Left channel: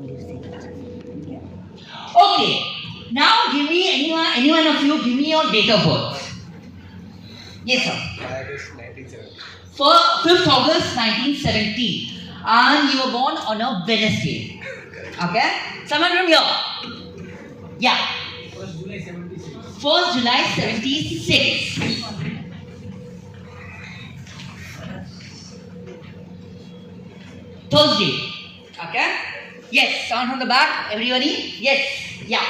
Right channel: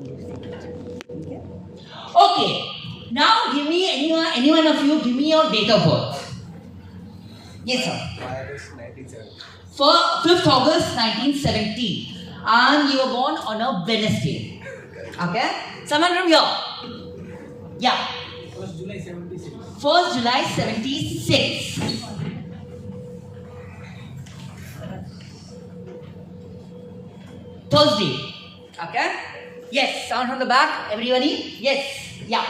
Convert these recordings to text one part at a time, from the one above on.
from these tables. Okay. Now give me any one of you, give me your date of birth. Yes, sir. 5th August 1970. And you were born on a Wednesday. Okay? Someone from here? Yeah. 1st July 76. 1st July 76. Thursday. Okay? Yes. Sound from the back. Everybody? Yes. Yeah.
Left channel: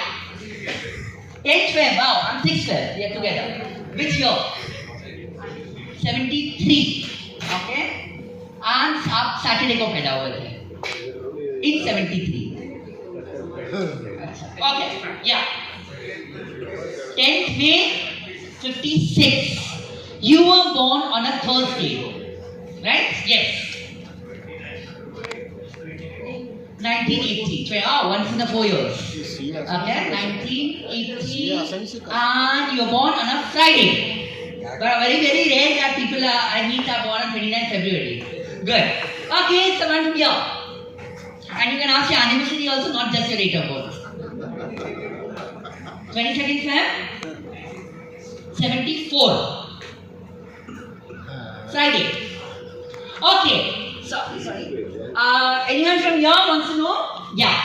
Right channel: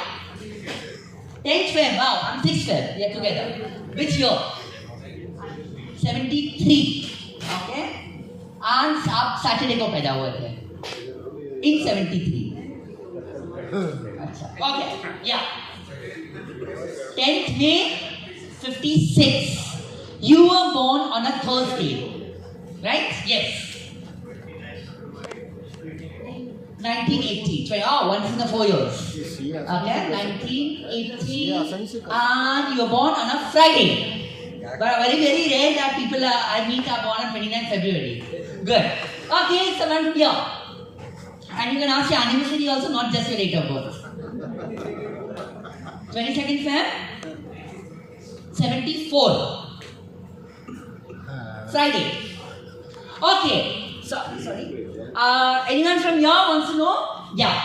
10th Feb. Wow. I'm 6th Feb. We are together. Which year? 73. Okay? And आप Saturday को पैदा हुए थे. In 73. Okay. Yeah. 10th May 56. You were born on a Thursday. Right? Yes. 1980. Once in the 4 years. Okay, 1980. And you were born on a Friday. But very, very rare that people I meet are born on 29th February. Good. Okay, someone from here. And you can ask your anniversary also, not just your date of birth. 22nd Feb? 74. Friday. Okay. Sorry. Anyone from here wants to know? Yeah.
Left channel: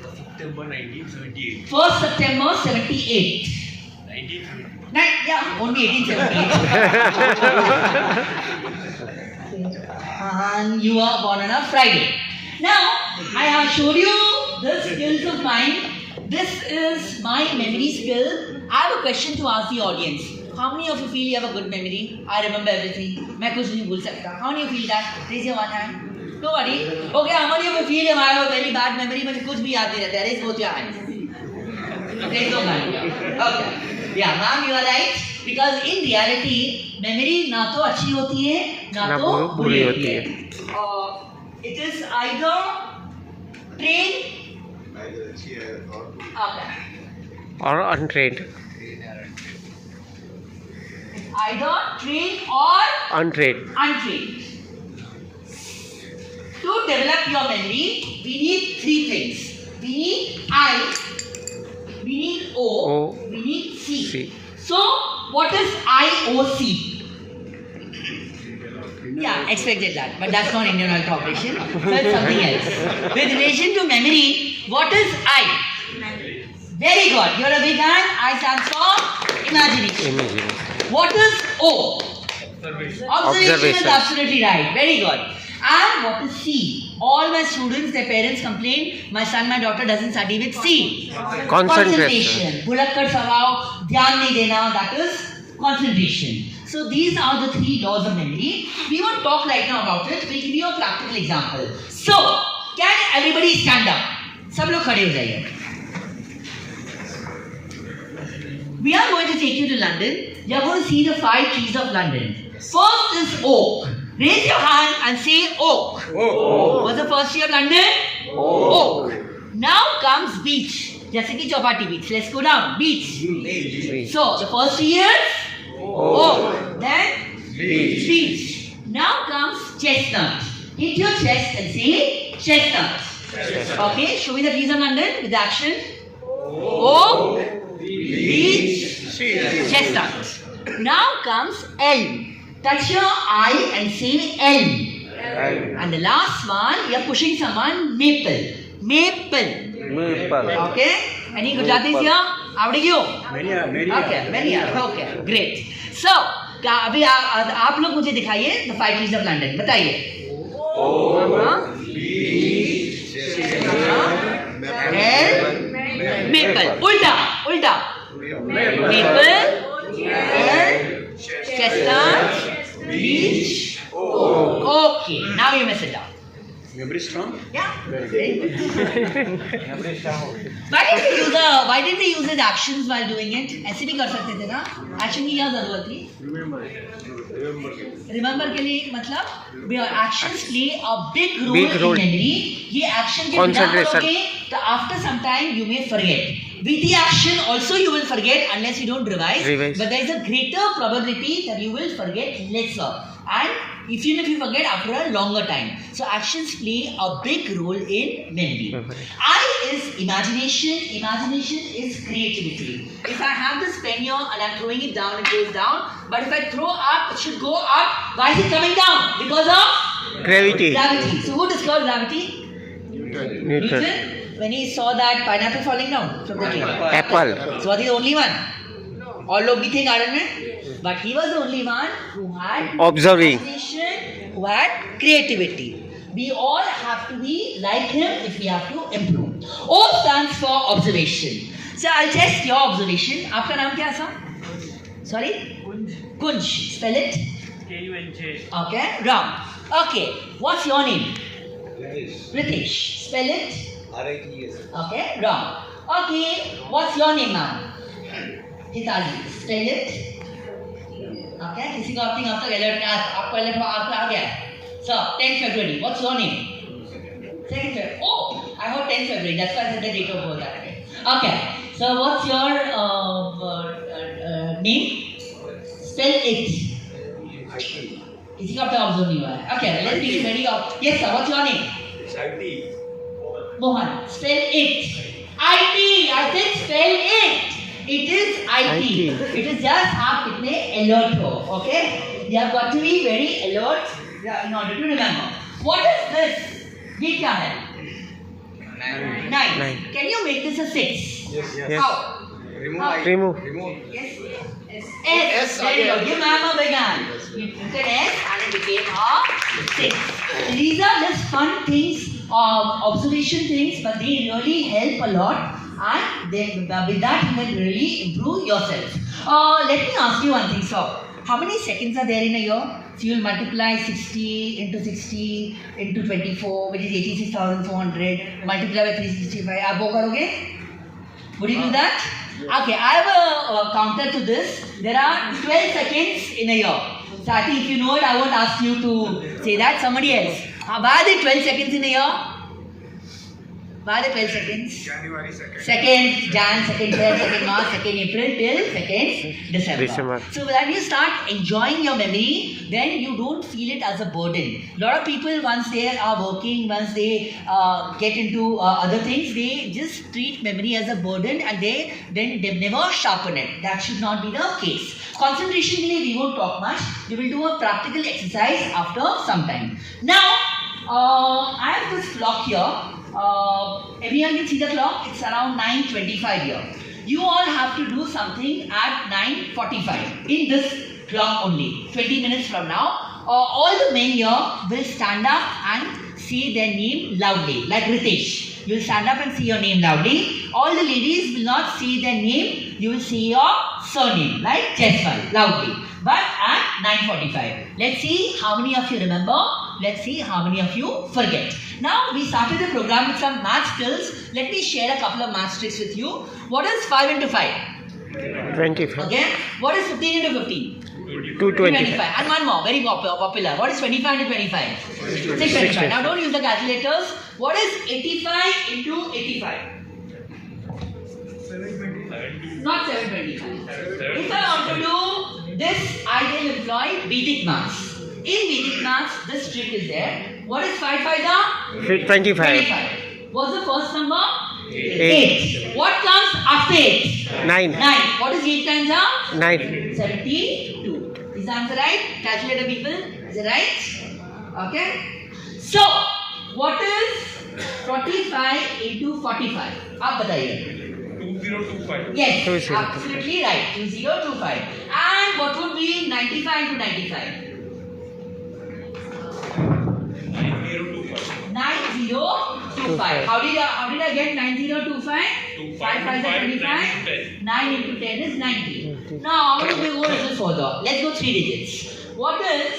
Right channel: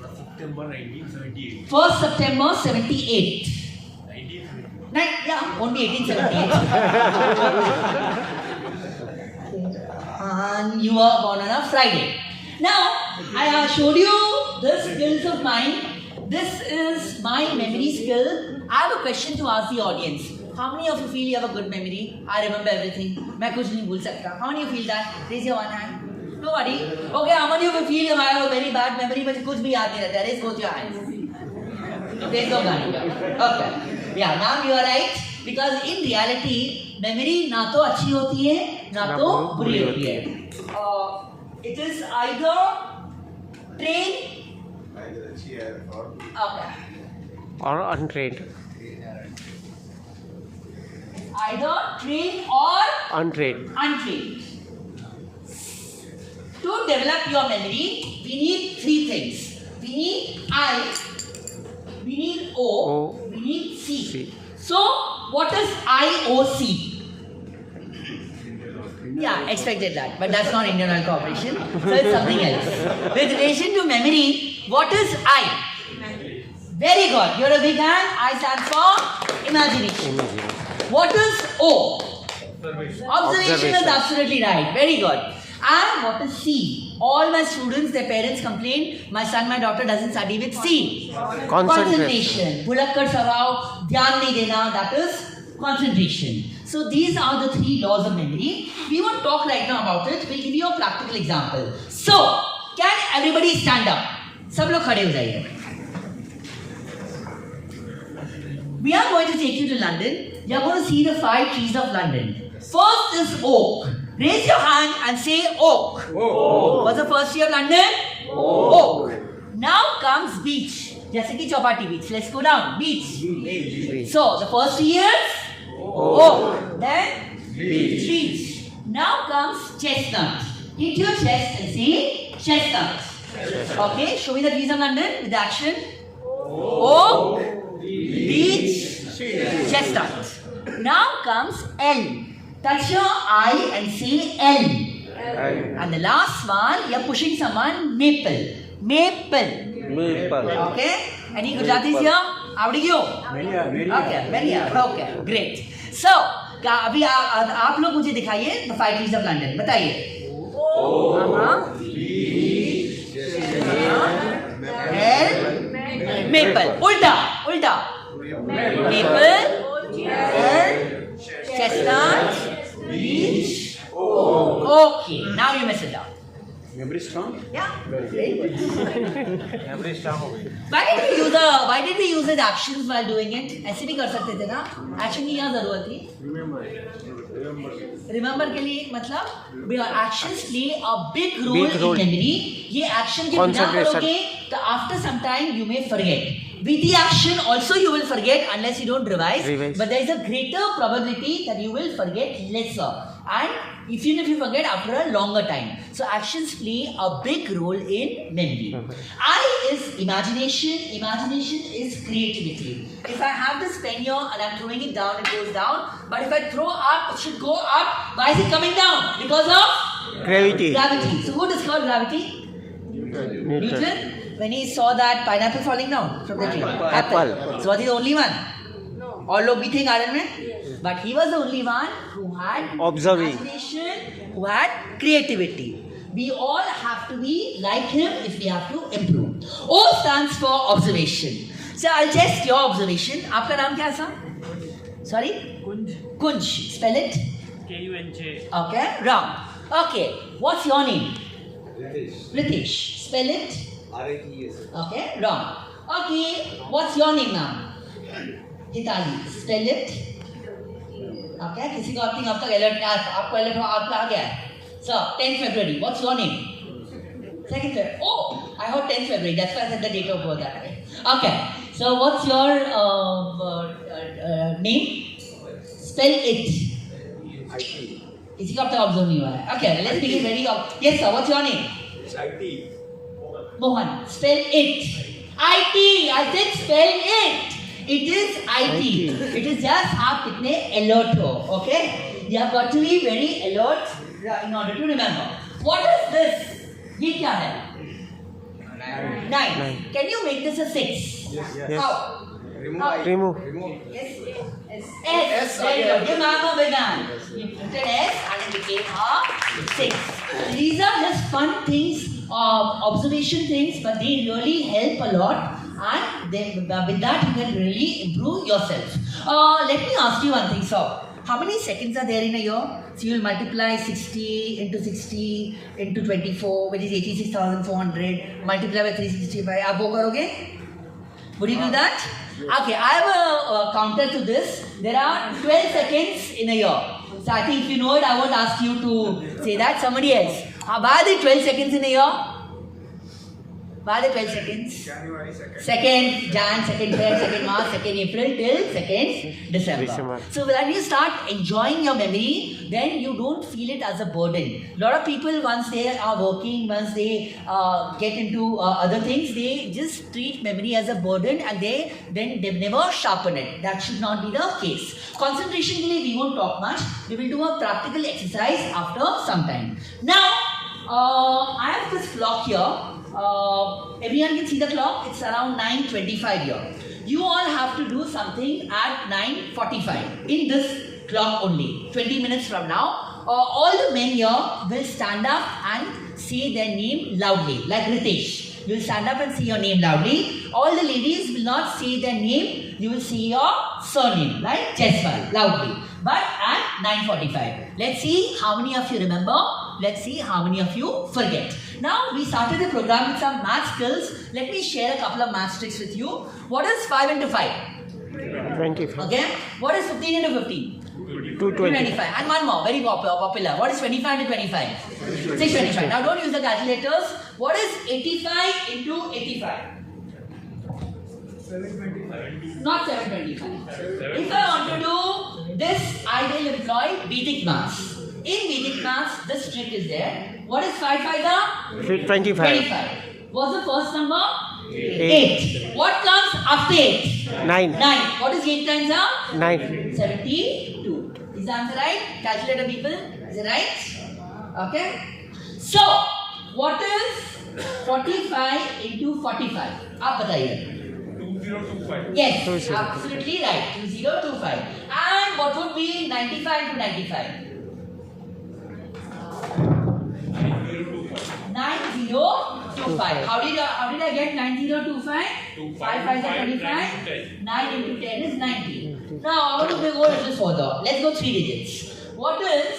September 1978. 1st September 78. 1978. Yeah, only 1878. And you were born on a Friday. Now, I showed you the skills of mine. This is my memory skill. I have a question to ask the audience. How many of you feel you have a good memory? I remember everything. मैं कुछ नहीं भूल सकता. How many of you feel that? Raise your one hand. Nobody. Okay, how many of you feel you have a very bad memory? मुझे कुछ भी याद नहीं रहता. Raise both your hands. Raise your hand. Okay. Yeah, ma'am, you are right. Because in reality, memory ना तो अच्छी होती है, ना तो बुरी होती है. It is either trained. Okay. or untrained. Either trained or Untrained. untrained. To develop your memory, we need three things. We need I, we need O, we need C. C. So, what is IOC? Yeah, expected that, but that's not Indian Oil Corporation, so it's something else. With relation to memory, what is I? Very good. You're a big hand. I stand for imagination. Imagine. What is O? Observation. Observation is absolutely right. Very good. And what is C? All my students, their parents complain, my son, my daughter doesn't study with C. Concentration. Bulakkad Savav, Dhyan nahi dena, that is concentration. So these are the three laws of memory. We won't talk right now about it. We'll give you a practical example. So, can everybody stand up? सब लोग खड़े हो जाइए. We are going to take you to London. You are going to see the 5 trees of London. First is oak. Raise your hand and say oak. Oh. What's the first tree of London? Oak. Now comes beech. जैसे कि Chowpatty beach. Let's go down. Beach. So the first tree is oak. Then beech. Now comes chestnut. Hit your chest and say chestnut. Okay. Show me the trees of London with action. Oak. Beech, chestnut. Now comes elm. Touch your eye and say elm. And the last one, you are pushing someone, maple. Maple. Okay? Any Gujaratis here? Avdi gyo? Okay, many are. Okay, great. So, अभी आप लोग मुझे दिखाइए the 5 trees of London. बताइए. Maple. उल्टा. Maple, chestnut, beech. Okay, now you may sit down. Memory strong? Yeah. Memory strong. Why did we use the actions while doing it? ऐसे भी कर सकते थे ना? Action की क्या जरूरत थी? Remember के लिए मतलब actions play a big role in memory. ये action के बिना करोगे तो after some time you may forget. With the action also you will forget unless you don't revise. But there is a greater probability that you will forget lesser. And even if you forget after a longer time. So actions play a big role in memory. I is imagination. Imagination is creativity. If I have this pen here and I'm throwing it down, it goes down. But if I throw up, it should go up. Why is it coming down? Because of Gravity. gravity. So who discovered gravity? Newton. When he saw that pineapple falling down from the tree. Apple. So was he the only one? All लोग भी थे garden में, but he was the only one who had Observing. imagination, who had creativity. We all have to be like him if we have to improve. O stands for observation. So I'll test your observation. आपका नाम क्या था? Sorry? Kunj. Spell it. Kunj. Okay, wrong. Okay, what's your name? Ritesh. Spell it. RITES. Okay, wrong. Okay, what's your name now? Hitali. Spell it. Okay, किसी को अपनी अब तक alert नहीं आपको alert आपको आ गया है. So 10th February. What's your name? 2nd February. Oh, I heard 10th February. That's why I said the date of birth that way. Okay. So what's your name? Spell it. किसी का अब तक observe नहीं हुआ है. Okay, let's make it very obvious. Yes sir. What's your name? IT. Mohan, spell it. IT. I said spell it. It is IT. It is just आप कितने alert हो. Okay? You have got to be very alert in order to remember. What is this? ये क्या है? 9. Can you make this a 6? Yes. How? Remove. Yes. S. There you go. Give ma'am a big hand. You printed S and it became a 6. These are just fun things, observation things, but they really help a lot. And then with that you can really improve yourself. Let me ask you one thing, sir. How many seconds are there in a year? So you will multiply 60 into 60 into 24, which is 86,400. Multiply by 365. आप वो करोगे? Would you do that? Okay, I have a counter to this. There are 12 seconds in a year. So I think if you know it, I won't ask you to say that. Somebody else. Why are there 12 seconds in a year? Why are there 12 seconds? January 2nd. 2nd Jan, 2nd Feb, 2nd March, 2nd April till 2nd December. So when you start enjoying your memory, then you don't feel it as a burden. A lot of people, once they are working, once they get into other things, they just treat memory as a burden and they never sharpen it. That should not be the case. Concentration, we won't talk much. We will do a practical exercise after some time. Now, I have this clock here. Everyone can see the clock. It's around 9:25 here. You all have to do something at 9:45 in this clock only. 20 minutes from now, all the men here will stand up and say their name loudly, like Ritesh. You will stand up and say your name loudly. All the ladies will not say their name. You will say your surname, like Jaiswal, loudly. But at 9:45. Let's see how many of you remember. Let's see how many of you forget. Now we started the program with some math skills. Let me share a couple of math tricks with you. What is 5 into 5? 25. Okay. What is 15 into 15? 225. And one more, very popular. What is 25 into 25? 625. Now don't use the calculators. What is 85 into 85? 725. Not 725. If I want to do this, I will employ Vedic maths. In Vedic maths, this trick is there. What is 5 5 25. 25. What's the first number? 8. What comes after 8? 9. 9. What is 8 times up? 9. 72. Is the answer right? Calculator people. Is it right? Okay. So, what is 45 into 45? आप बताइए. 2025. Yes, 2025. absolutely right. 2025. And what would be 95 into 95? 9025. How did I get 9025? 5 5 is 25. 9 into 10 is 90. Now I want to go a little further. Let's go 3 digits. What is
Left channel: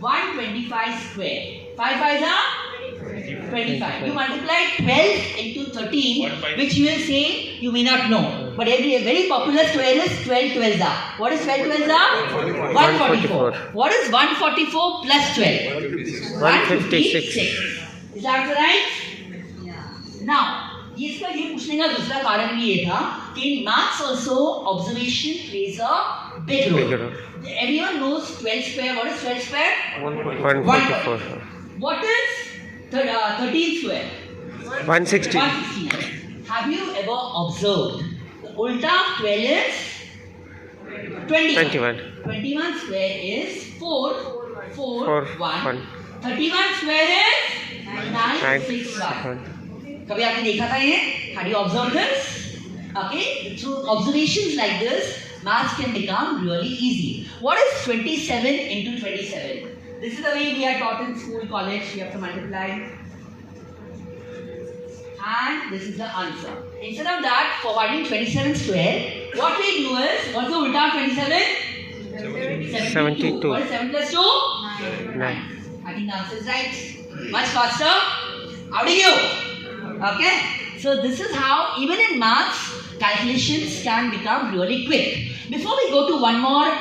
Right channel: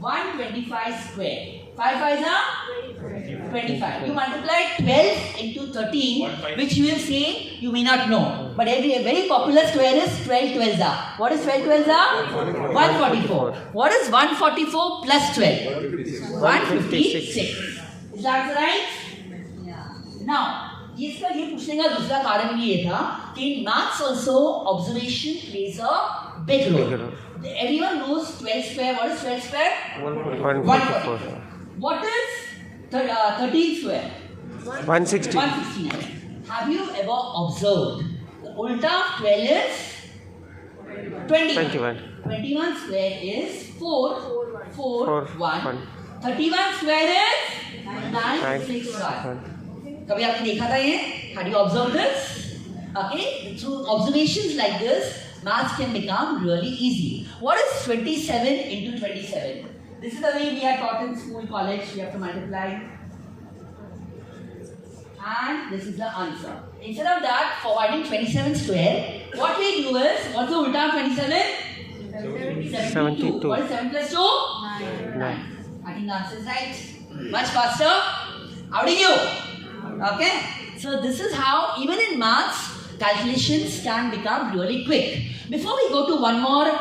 125 square? 5 5 are 25. You multiply 12 into 13, which you will say you may not know. But a very popular square is 12 12s are. What is 12 12s are? 144. What is 144 plus 12? 156. Is that right? Now, इसका ये पूछने का दूसरा कारण भी ये था कि in maths also observation plays a Big Big roll. roll. Everyone knows 12 square. What is 12 square? 144. What is 13 square? 160. 169. Have you ever observed the ulta of 12 is 21. 21 square is 4, 4, 1. 31 square is 9, 6, 1. कभी आपने देखा था ये? Have you observed this? Okay, through observations like this, maths can become really easy. What is 27 into 27? This is the way we are taught in school, college. We have to multiply. And this is the answer. Instead of that, for finding 27 square, what we do is, what's the ulta of 27? 72. What is 7 plus 2? 9. I think the answer is right. Much faster. How do you? Okay. So this is how, even in maths, calculations can become really quick. Before we go to one more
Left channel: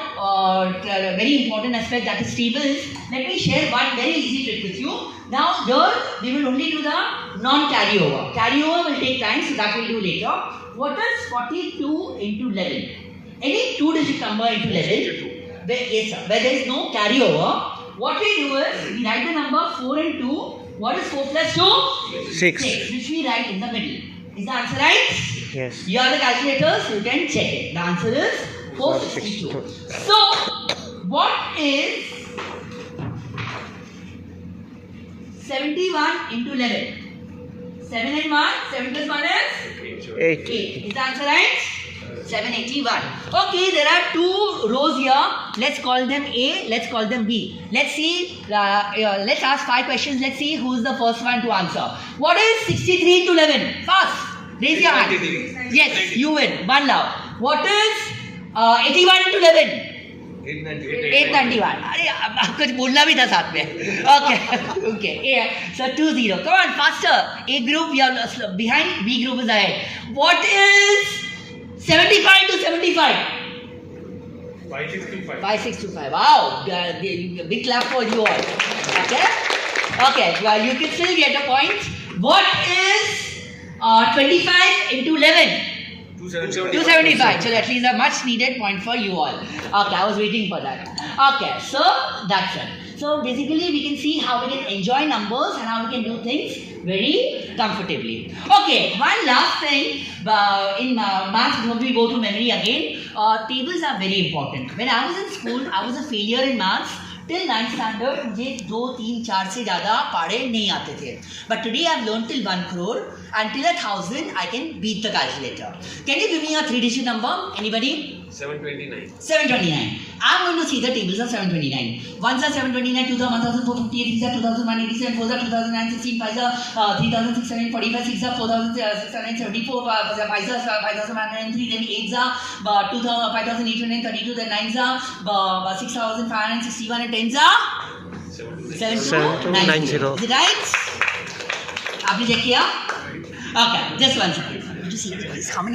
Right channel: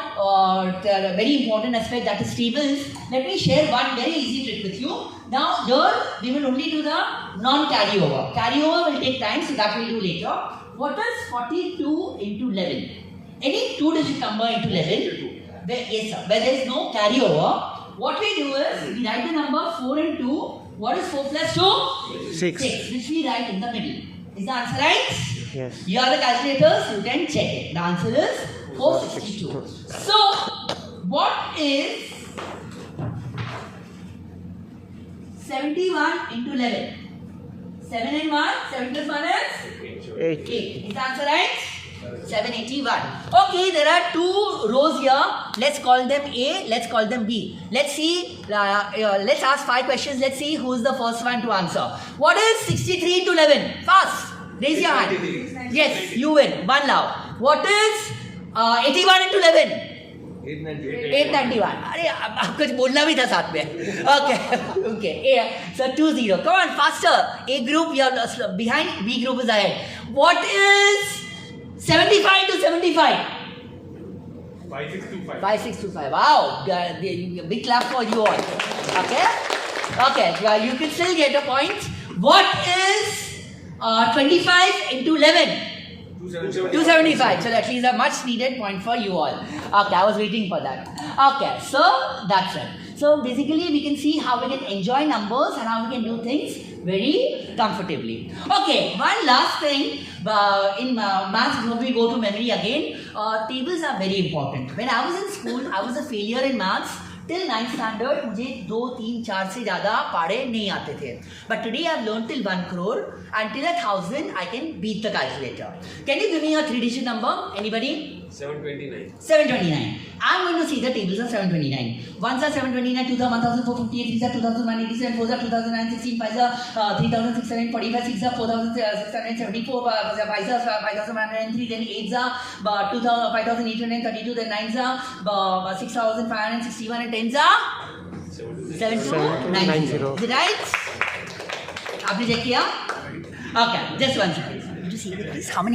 very important aspect, that is tables, let me share one very easy trick with you. Now here we will only do the non-carryover. Carryover will take time, so that we will do later. What is 42 into 11? Any two-digit number into 11? Yes sir. Where there is no carryover, what we do is we write the number 4 and 2. What is 4 plus 2? 6. Which we write in the middle. Is the answer right? Yes. You are the calculators, you can check it. The answer is 462. So, what is 71 into 11? 7 and 1, 7 plus 1 is? 8. 8. Is the answer right? 781. Okay, there are two rows here. Let's call them A, let's call them B. Let's see, let's ask 5 questions. Let's see who's the first one to answer. What is 63 into 11? Fast. Raise your hand. Yes, you win. One now. What is 81 into 11? 891. अरे अब कुछ बोलना भी था साथ में. Okay. So 2-0. Come on, faster. A group you are behind. B group is ahead. What is 75 to 75? 5625. 5625. Wow. Big clap for you all. Okay. Well, you can still get a point. What is 25 into 11? 275. So at least a much needed point for you all. Okay, I was waiting for that. Okay, so that's it. So basically we can see how we can enjoy numbers and how we can do things very comfortably. Okay, one last thing in maths before we go to memory again. Tables are very important. When I was in school, I was a failure in maths. Till 9th standard, मुझे 2, 3, 4 से ज़्यादा पढ़े नहीं आते थे. But today I have learned till 1 crore and till 1,000 I can beat the calculator. Can you give me a 3-digit number? Anybody? 729. 729. I'm going to see the tables of 729. 1s are 729, 2s are 1,458, 3s are 2,187, 4s are 2,916, 5s are 3,645, 6s are 4,674, 5s are 5,103, then 8s are 5,832, then 9s are 6,561 and 10s are 7290. Is it right? आपने check किया? Okay, just one second. How many